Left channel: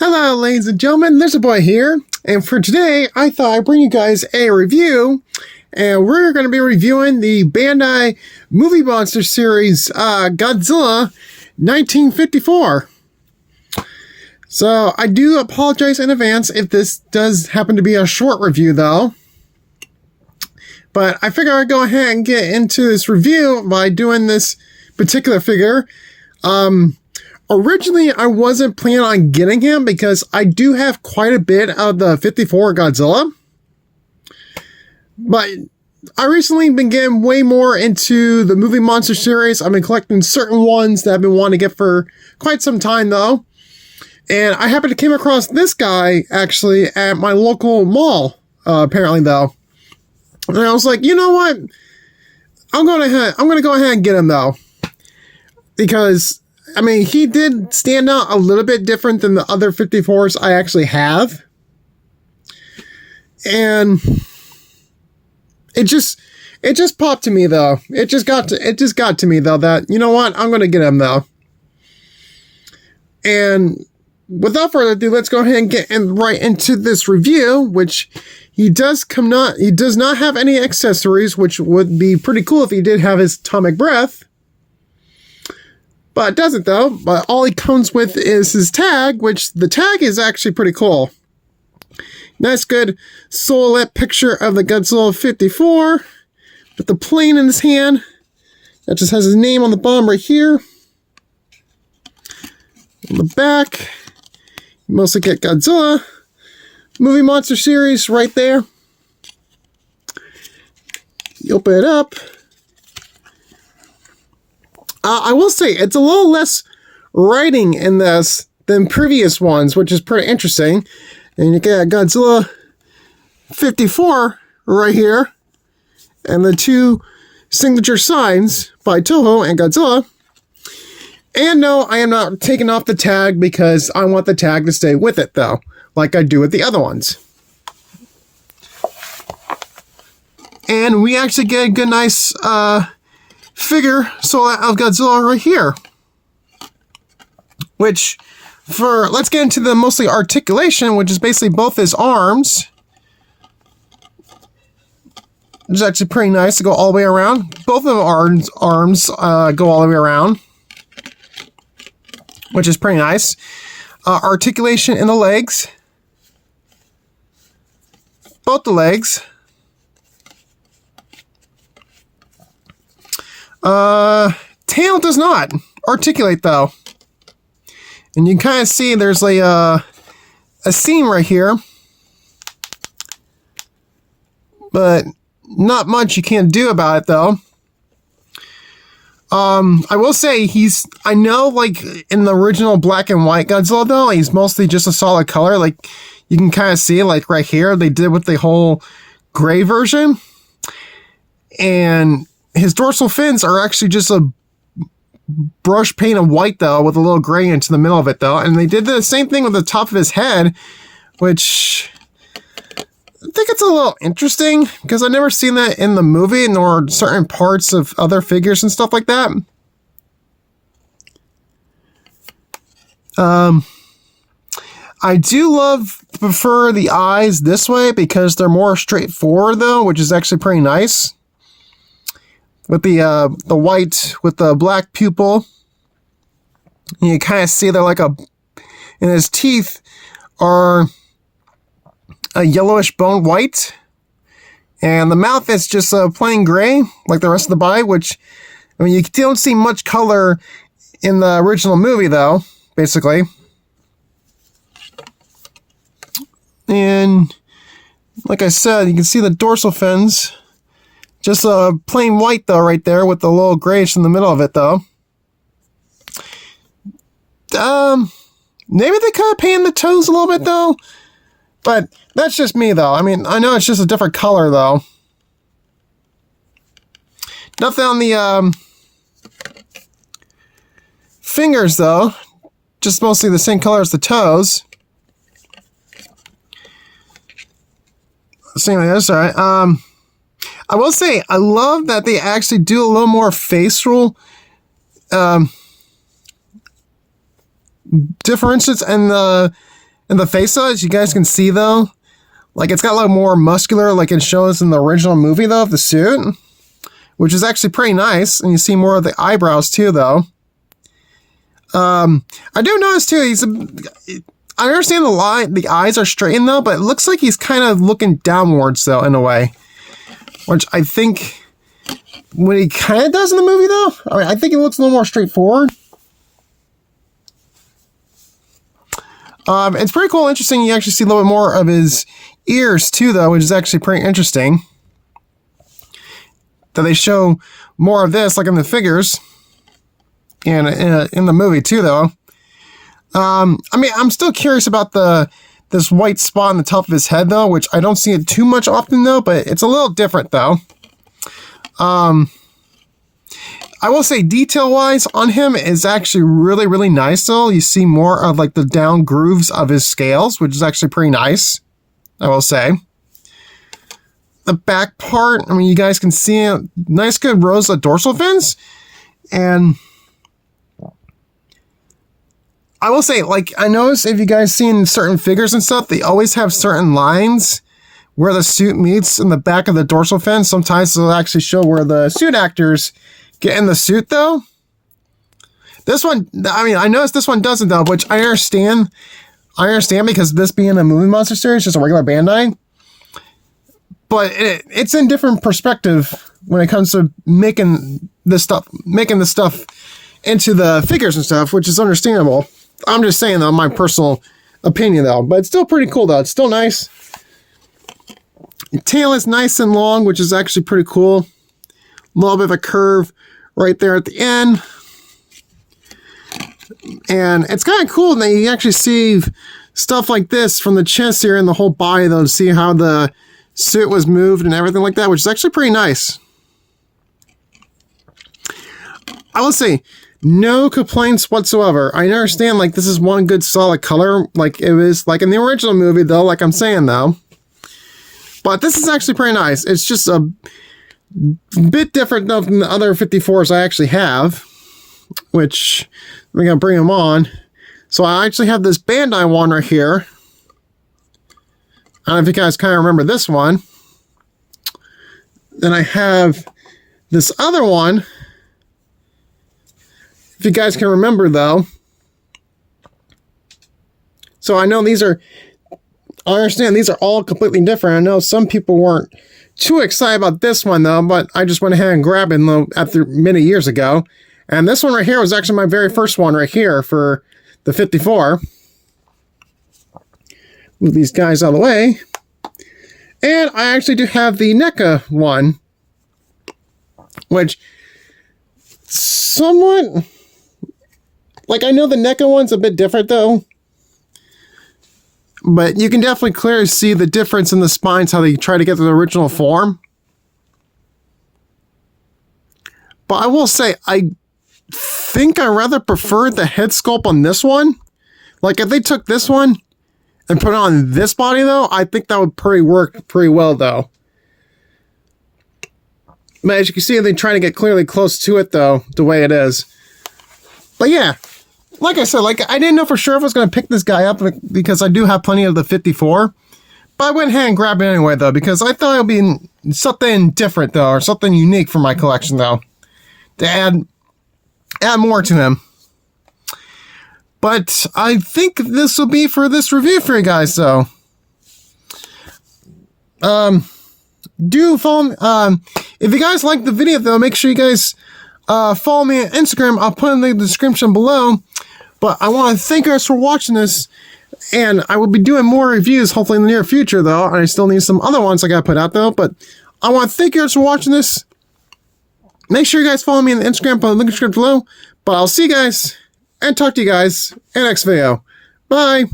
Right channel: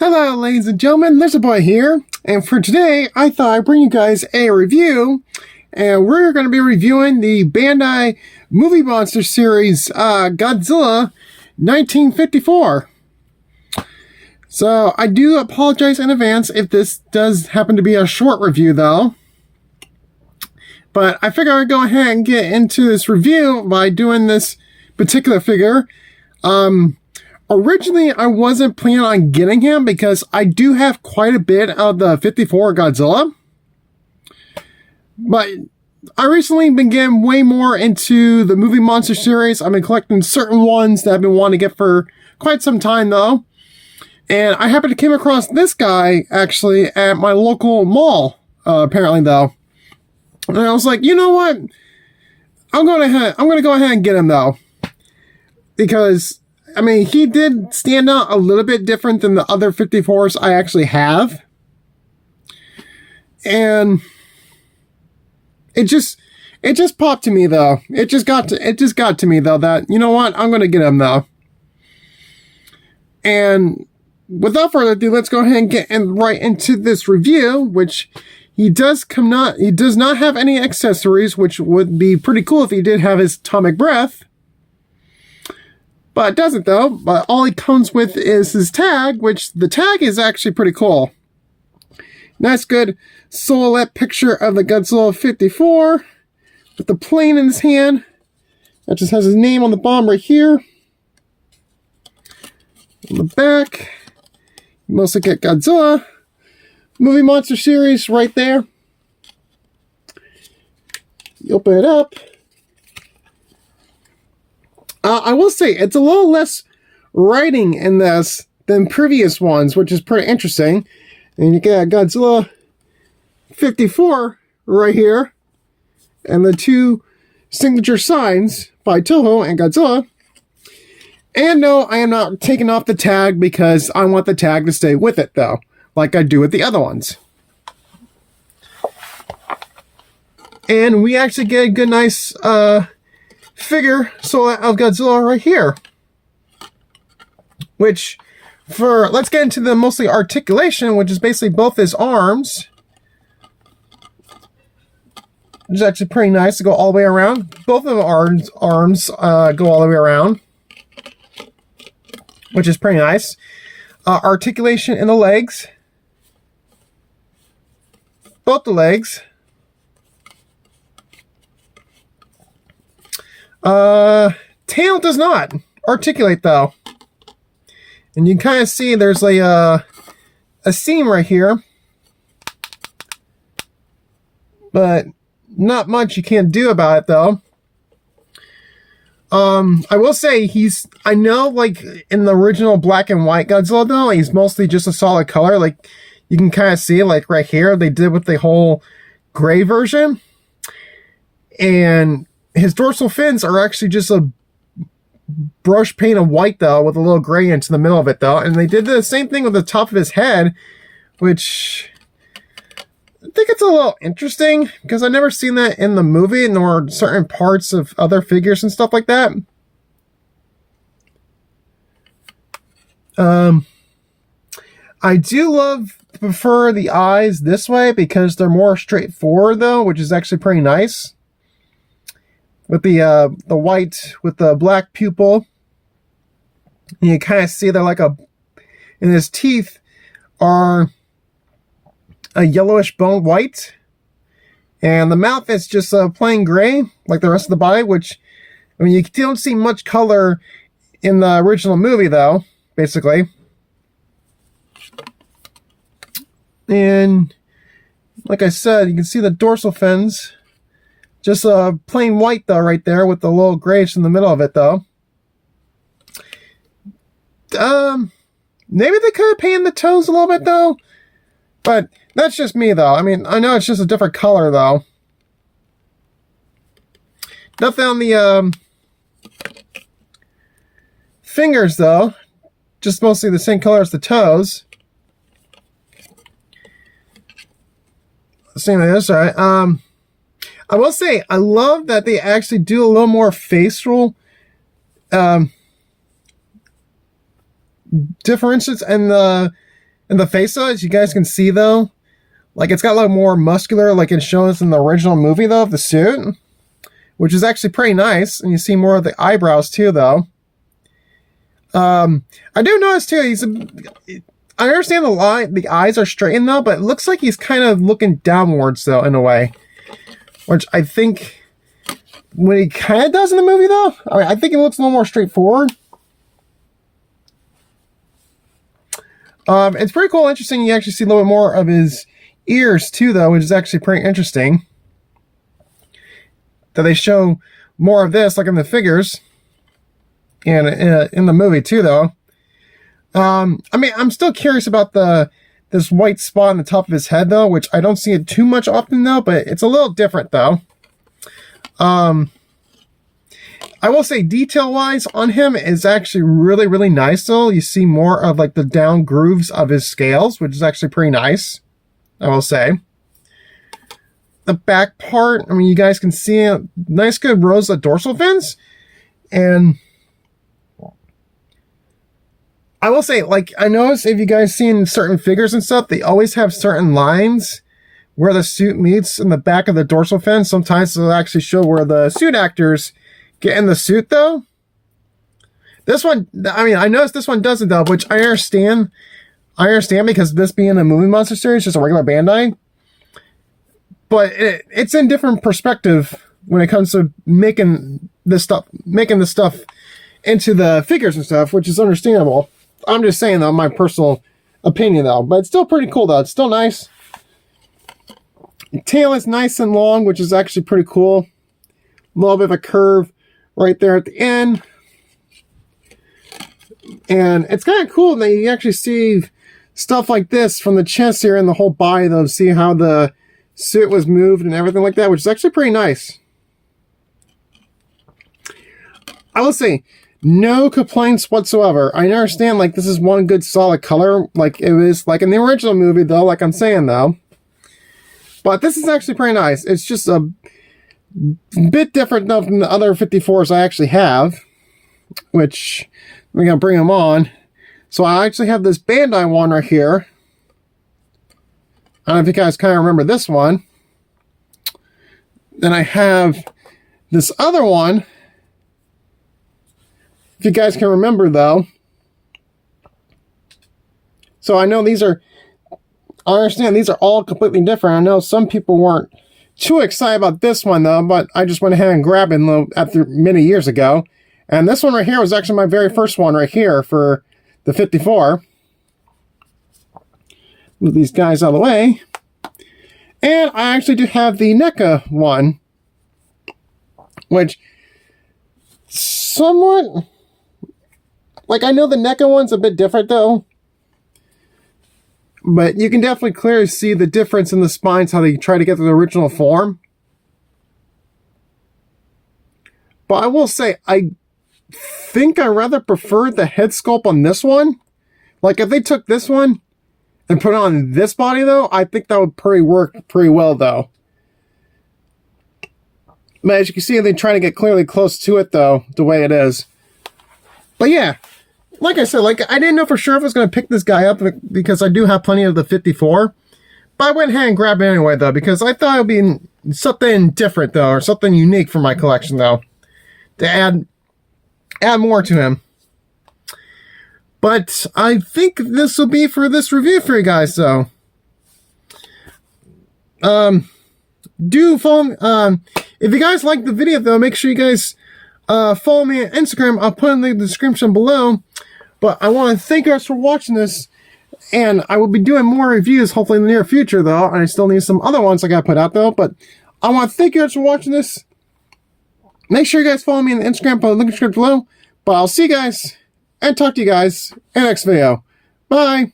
Hello, ladies and gentlemen, lizardboy here, and for today, I thought I'd bring you guys a review, and we're going to be reviewing the Bandai movie monster series, Godzilla 1954. So, I do apologize in advance if this does happen to be a short review, though. But I figure I'd go ahead and get into this review by doing this particular figure. Originally, I wasn't planning on getting him because I do have quite a bit of the 54 Godzilla. But I recently been getting way more into the movie monster series. I've been collecting certain ones that I've been wanting to get for quite some time, though. And I happened to came across this guy, actually, at my local mall, apparently, though. And I was like, you know what? I'm going to go ahead and get him, though. Because I mean, he did stand out a little bit different than the other 54s I actually have. And it just popped to me, though. It just got to me, though, that, you know what? I'm going to get him, though. And without further ado, let's go ahead and get right into this review, which he does not have any accessories, which would be pretty cool if he did have his atomic breath. But it doesn't, though. But all he comes with is his tag, which the tag is actually pretty cool. Nice, good silhouette picture of the Godzilla 54 with the plane in his hand. That just has his name on the bottom right here. On the back, you mostly get Godzilla movie monster series right there. You open it up. I will say, it's a little less writing in this than previous ones, which is pretty interesting. And you get Godzilla 54 right here, and the two signature signs by Toho and Godzilla. And no, I am not taking off the tag because I want the tag to stay with it, though, like I do with the other ones. And we actually get a good, nice, figure of Godzilla right here, which let's get into the mostly articulation, which is basically both his arms. It's actually pretty nice to go all the way around. Both of the arms go all the way around, which is pretty nice. Articulation in the legs, both the legs. Tail does not articulate, though. And you can kind of see there's a seam right here. But not much you can do about it, though. I will say I know, like, in the original black and white Godzilla, though, he's mostly just a solid color. Like, you can kind of see, like, right here, they did with the whole gray version. And his dorsal fins are actually just a brush paint of white, though, with a little gray into the middle of it, though. And they did the same thing with the top of his head, which I think it's a little interesting because I've never seen that in the movie, nor certain parts of other figures and stuff like that. I do prefer the eyes this way because they're more straightforward, though, which is actually pretty nice. With the white with the black pupil, and you kind of see they're like and his teeth are a yellowish bone white, and the mouth is just plain gray like the rest of the body, which, I mean, you don't see much color in the original movie, though, basically. And like I said, you can see the dorsal fins. Just plain white, though, right there, with the little grayish in the middle of it, though. Maybe they could have painted the toes a little bit, though. But that's just me, though. I mean, I know it's just a different color, though. Nothing on the fingers, though. Just mostly the same color as the toes. Same as this, alright. I will say, I love that they actually do a little more facial differences in the And the face size, you guys can see though, like it's got a little more muscular like it shows in the original movie though of the suit, which is actually pretty nice. And you see more of the eyebrows too though. I do notice too, I understand the eyes are straightened though, but it looks like he's kind of looking downwards though in a way, which I think what he kind of does in the movie though, I think it looks a little more straightforward. It's pretty cool, interesting. You actually see a little bit more of his ears too though, which is actually pretty interesting. That they show more of this like in the figures and in the movie too though. I mean, I'm still curious about this white spot on the top of his head though, which I don't see it too much often though, but it's a little different though. I will say detail-wise on him is actually really, really nice though. You see more of like the down grooves of his scales, which is actually pretty nice, I will say. The back part, I mean, you guys can see a nice good rows of dorsal fins. And I will say, like, I noticed if you guys seen certain figures and stuff, they always have certain lines where the suit meets in the back of the dorsal fin. Sometimes they'll actually show where the suit actors get in the suit though. This one, I mean, I noticed this one doesn't though, which I understand. I understand because this being a movie monster series, just a regular Bandai. But it's in different perspective when it comes to making this stuff into the figures and stuff, which is understandable. I'm just saying though, my personal opinion though, but it's still pretty cool though. It's still nice. The tail is nice and long, which is actually pretty cool. A little bit of a curve right there at the end. And it's kind of cool that you actually see stuff like this from the chest here and the whole body though, to see how the suit was moved and everything like that, which is actually pretty nice. I will say, no complaints whatsoever. I understand like this is one good solid color like it was like in the original movie though, like I'm saying though. But this is actually pretty nice. It's just a bit different than the other 54s I actually have, which I'm going to bring them on. So I actually have this Bandai one right here. I don't know if you guys kind of remember this one. Then I have this other one. If you guys can remember though. So I know I understand these are all completely different. I know some people weren't too excited about this one though, but I just went ahead and grabbed it after many years ago. And this one right here was actually my very first one right here for the 54. Move these guys out of the way. And I actually do have the NECA one, which somewhat, like I know the NECA one's a bit different though. But you can definitely clearly see the difference in the spines, how they try to get to the original form. But I will say, I think I rather prefer the head sculpt on this one. Like, if they took this one and put it on this body, though, I think that would work pretty well, though. But as you can see, they try to get clearly close to it, though, the way it is. But yeah. Like I said, like I didn't know for sure if I was going to pick this guy up because I do have plenty of the 54. But I went ahead and grabbed it anyway, though, because I thought it would be something different, though, or something unique for my collection, though, to add more to him. But I think this will be for this review for you guys, though. Do follow. If you guys like the video, though, make sure you guys follow me on Instagram. I'll put in the description below. But I want to thank you guys for watching this. And I will be doing more reviews, hopefully in the near future, though. I still need some other ones I got to put out, though. But I want to thank you guys for watching this. Make sure you guys follow me on Instagram. Put the link in the description below. But I'll see you guys and talk to you guys in the next video. Bye.